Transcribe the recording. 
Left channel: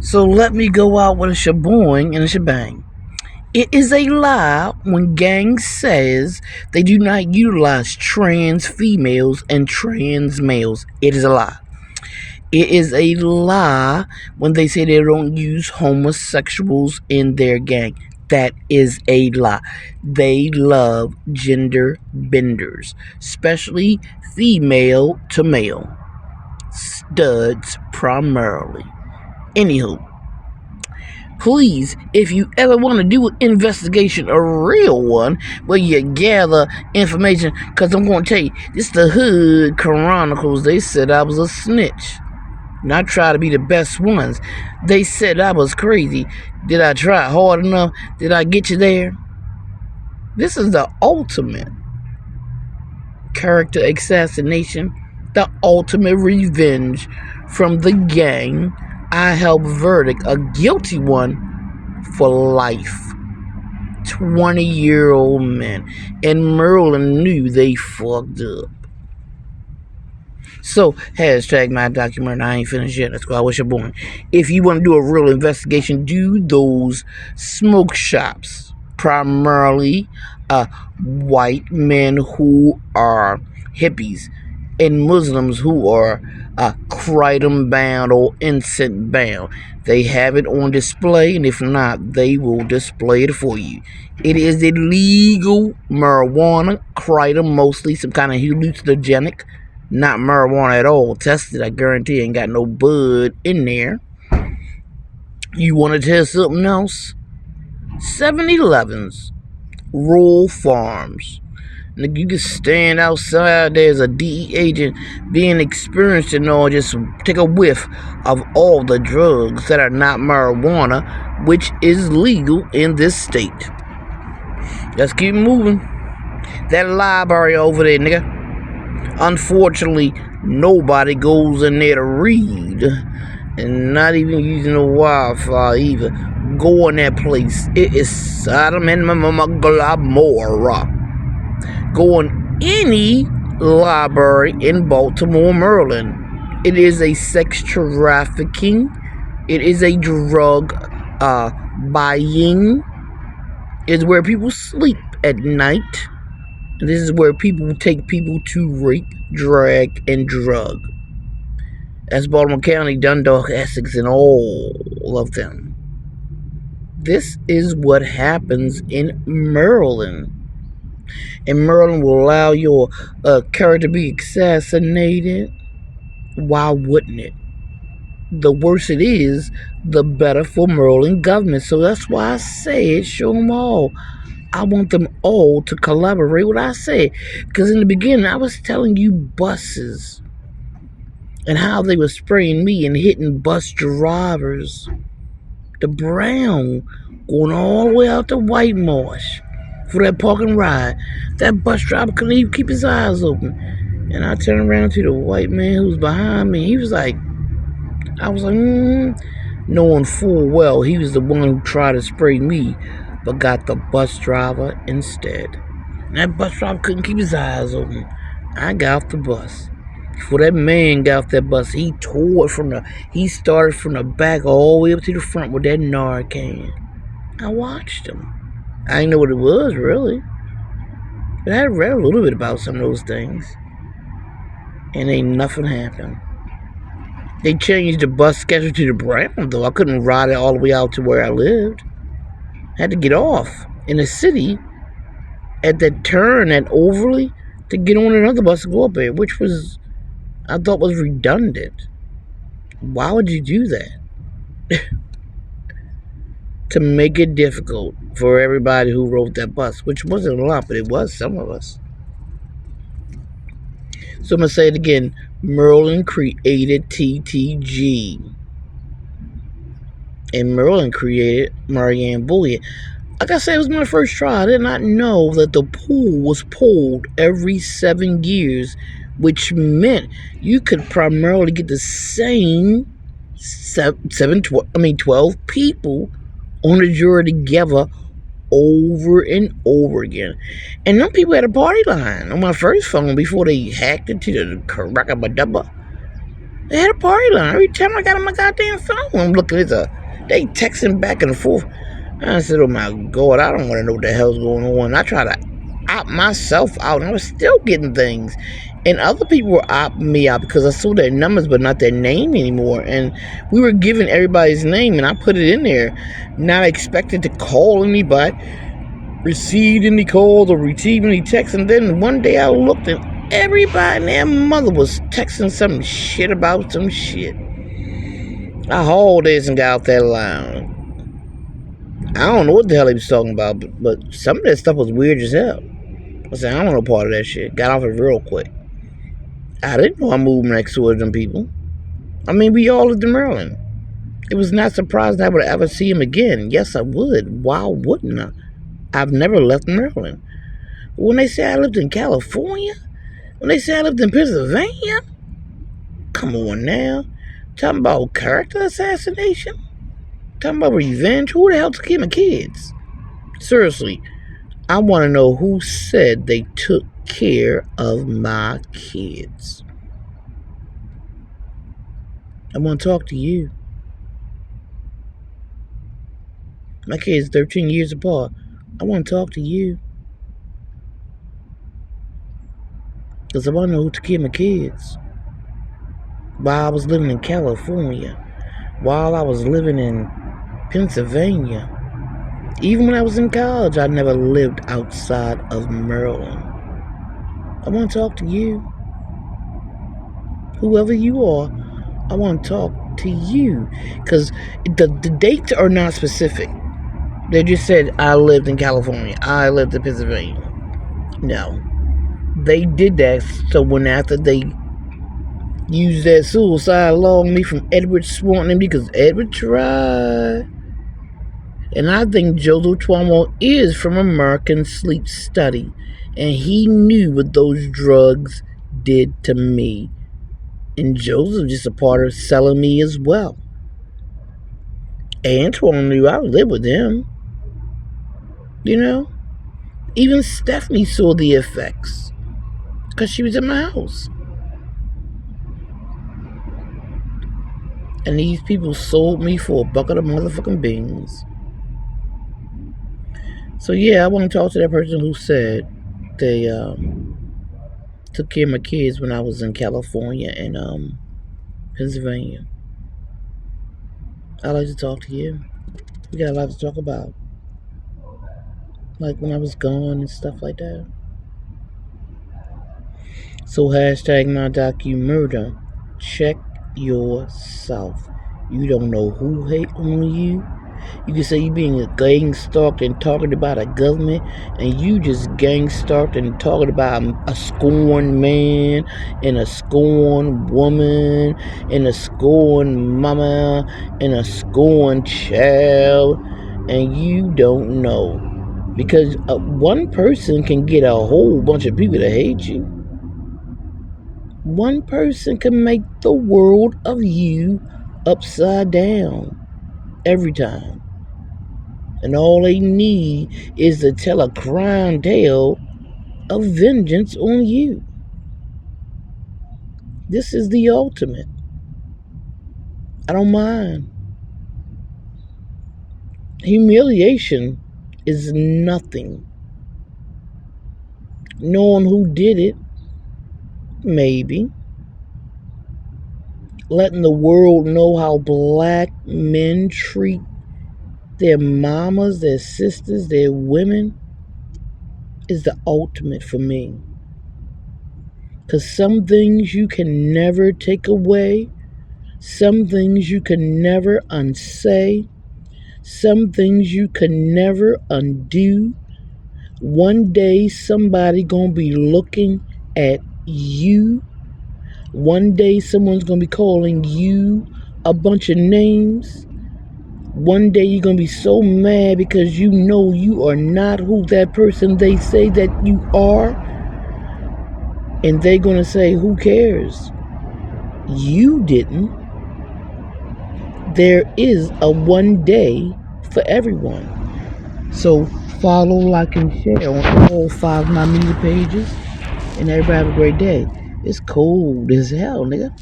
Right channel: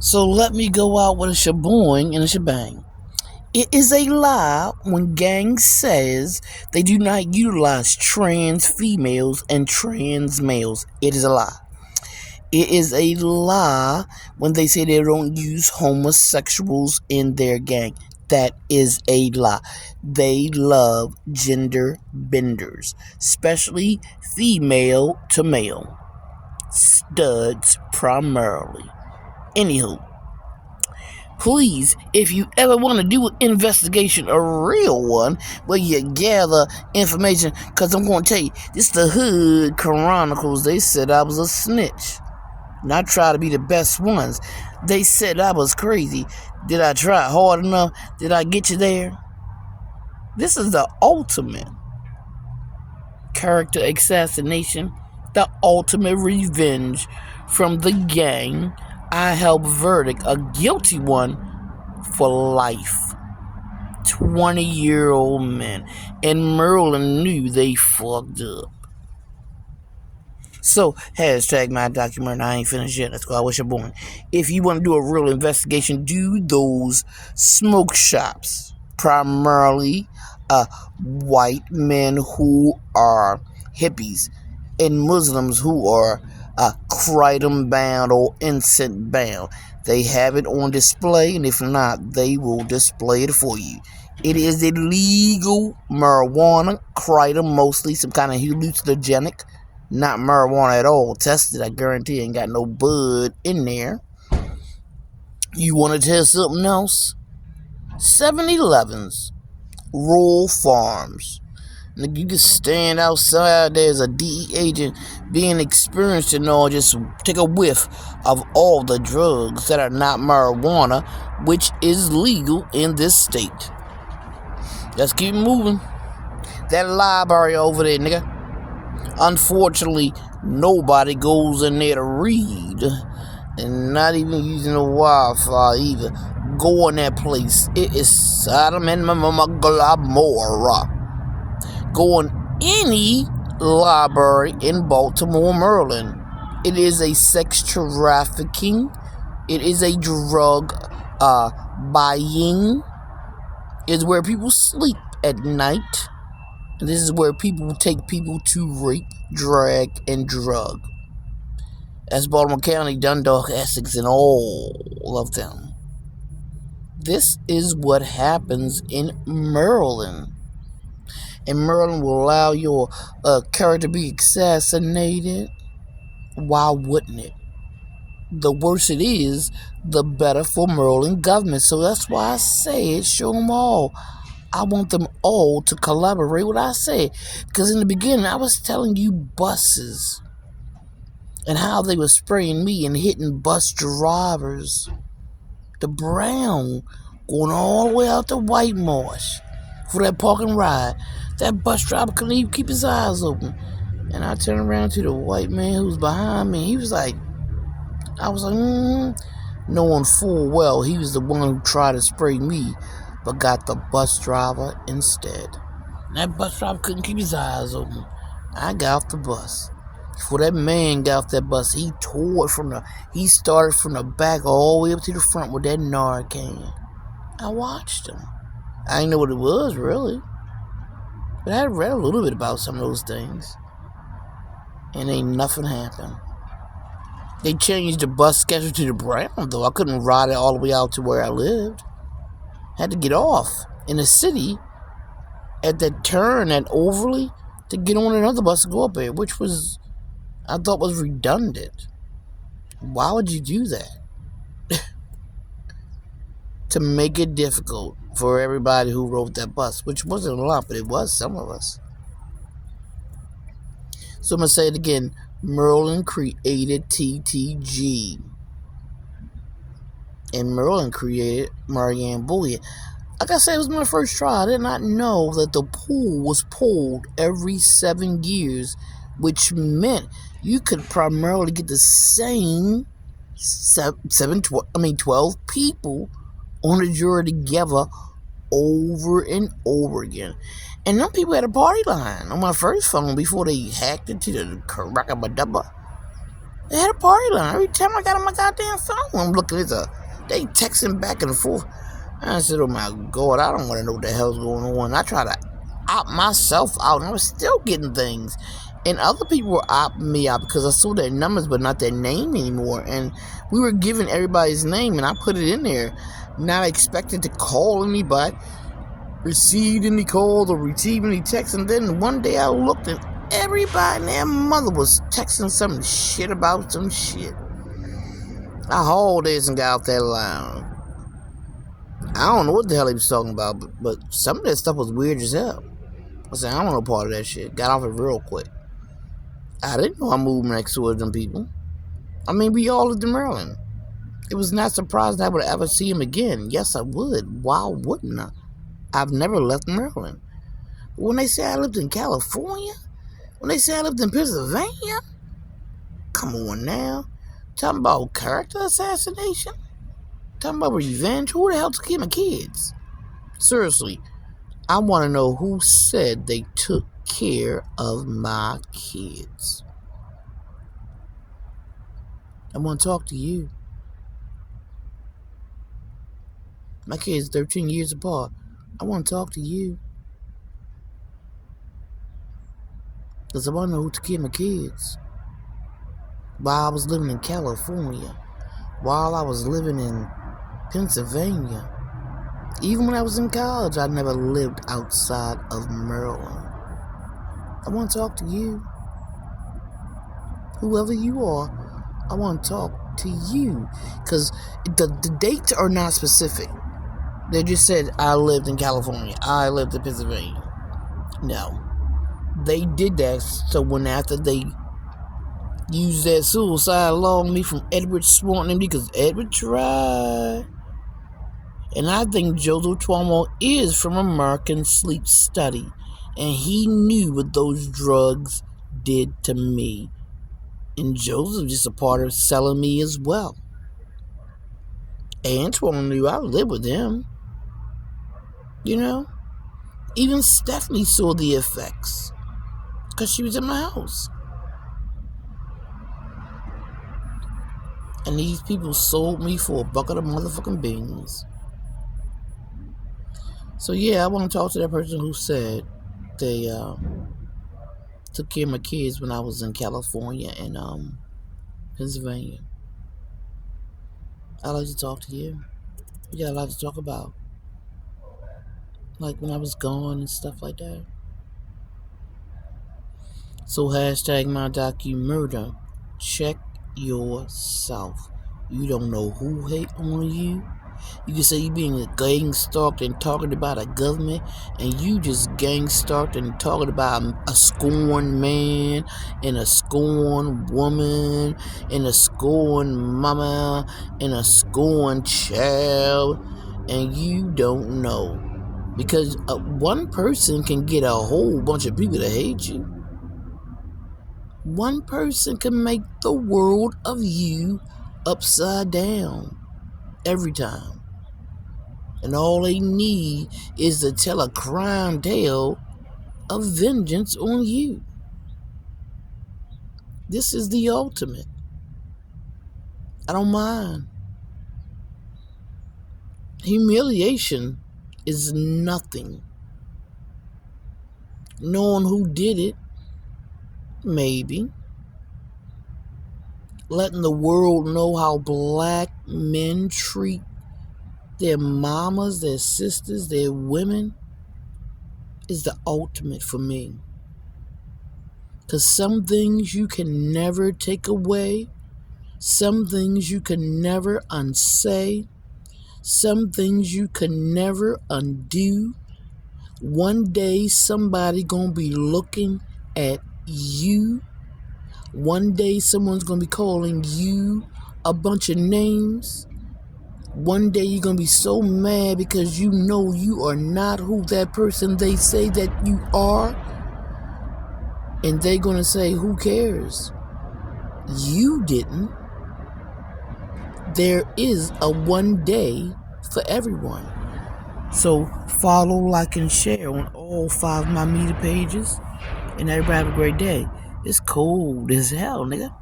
So let me go out with a shaboing and a shebang. It is a lie when gangs says they do not utilize trans females and trans males. It is a lie. It is a lie when they say they don't use homosexuals in their gang. That is a lie. They love gender benders, especially female to male. Studs primarily. Anywho, please, if you ever want to do an investigation, a real one, where you gather information, because I'm going to tell you, this is the Hood Chronicles. They said I was a snitch. And I try to be the best ones. They said I was crazy. Did I try hard enough? Did I get you there? This is the ultimate character assassination, the ultimate revenge from the gang. I help verdict, a guilty one for life. 20-year-old men. And Merlin knew they fucked up. So, hashtag my documentary. I ain't finished yet. That's why I wish you're born. If you want to do a real investigation, do those smoke shops. Primarily white men who are hippies and Muslims who are kratom bound or incense bound. They have it on display, and if not, they will display it for you. It is illegal marijuana, kratom mostly, some kind of hallucinogenic. Not marijuana at all. Tested, I guarantee, ain't got no bud in there. You want to test something else? 7-Elevens, rural farms. And you can stand outside there as a DE agent being experienced and all, just take a whiff of all the drugs that are not marijuana, which is legal in this state. Let's keep moving. That library over there, nigga. Unfortunately, nobody goes in there to read, and not even using the Wi-Fi either. Go in that place. It is Sodom and Gomorrah. Go in any library in Baltimore, Maryland. It is a sex trafficking. It is a drug buying. It's where people sleep at night. And this is where people take people to rape, drag, and drug. That's Baltimore County, Dundalk, Essex, and all of them. This is what happens in Maryland. And Maryland will allow your character to be assassinated. Why wouldn't it? The worse it is, the better for Maryland government. So that's why I say it, show them all. I want them all to collaborate with what I say. Because in the beginning, I was telling you buses and how they were spraying me and hitting bus drivers. The brown going all the way out to White Marsh for that parking ride. That bus driver couldn't even keep his eyes open. And I turned around to the white man who was behind me. He was like, I was like, knowing full well he was the one who tried to spray me, but got the bus driver instead. And that bus driver couldn't keep his eyes open. I got off the bus. Before that man got off that bus, he started from the back all the way up to the front with that Narcan. I watched him. I didn't know what it was, really. But I had read a little bit about some of those things. And ain't nothing happened. They changed the bus schedule to the brown, though. I couldn't ride it all the way out to where I lived. Had to get off in the city at that turn at Overly to get on another bus to go up there, which was, I thought, was redundant. Why would you do that? To make it difficult for everybody who rode that bus, which wasn't a lot, but it was some of us. So I'm going to say it again. Merlin created TTG. And Merlin created Marianne Bullion. Like I said, it was my first try. I did not know that the pool was pulled every 7 years, which meant you could primarily get the same 12 people on the jury together over and over again. And them people had a party line on my first phone before they hacked into the Karakabadaba. They had a party line. Every time I got on my goddamn phone, I'm looking at they texting back and forth. I said, oh my God, I don't want to know what the hell's going on. I try to opt myself out, and I was still getting things. And other people were opting me out because I saw their numbers but not their name anymore. And we were giving everybody's name, and I put it in there, not expecting to call anybody, receive any calls or receive any texts. And then one day I looked, and everybody and their mother was texting some shit about some shit. I hauled this and got off that line. I don't know what the hell he was talking about, but some of that stuff was weird as hell. I said, I don't want no part of that shit. Got off it real quick. I didn't know I moved next to them people. I mean, we all lived in Maryland. It was not surprising I would ever see him again. Yes, I would. Why wouldn't I? I've never left Maryland. When they say I lived in California, when they say I lived in Pennsylvania, come on now. Talking about character assassination? Talking about revenge? Who the hell took care of my kids? Seriously, I want to know who said they took care of my kids. I want to talk to you. My kids 13 years apart. I want to talk to you. Because I want to know who took care of my kids. While I was living in California. While I was living in Pennsylvania. Even when I was in college, I never lived outside of Maryland. I want to talk to you. Whoever you are, I want to talk to you. Because the dates are not specific. They just said, I lived in California. I lived in Pennsylvania. No. They did that so when after they used that suicide law on me from Edward Swanton MD, because Edward tried. And I think Joseph Twomwell is from American Sleep Study. And he knew what those drugs did to me. And Joseph just a part of selling me as well. Antoine knew I lived with him. You know? Even Stephanie saw the effects. Because she was in my house. And these people sold me for a bucket of motherfucking beans. So yeah, I want to talk to that person who said they took care of my kids when I was in California and Pennsylvania. I'd like to talk to you. We got a lot to talk about. Like when I was gone and stuff like that. So hashtag my docu-murder. Check yourself. You don't know who hate on you. You can say you being gang-stalked and talking about a government, and you just gang-stalked and talking about a scorned man and a scorned woman and a scorned mama and a scorned child, and you don't know. Because one person can get a whole bunch of people to hate you. One person can make the world of you upside down every time. And all they need is to tell a crying tale of vengeance on you. This is the ultimate. I don't mind. Humiliation is nothing. Knowing who did it, maybe. Letting the world know how black men treat their mamas, their sisters, their women is the ultimate for me. Because some things you can never take away. Some things you can never unsay. Some things you can never undo. One day somebody gonna be looking at you. One day someone's gonna be calling you a bunch of names. One day you're gonna be so mad because you know you are not who that person they say that you are. And they're gonna say, who cares? You didn't. There is a one day for everyone. So follow, like, and share on all 5 of my media pages. And everybody have a great day. It's cold as hell, nigga.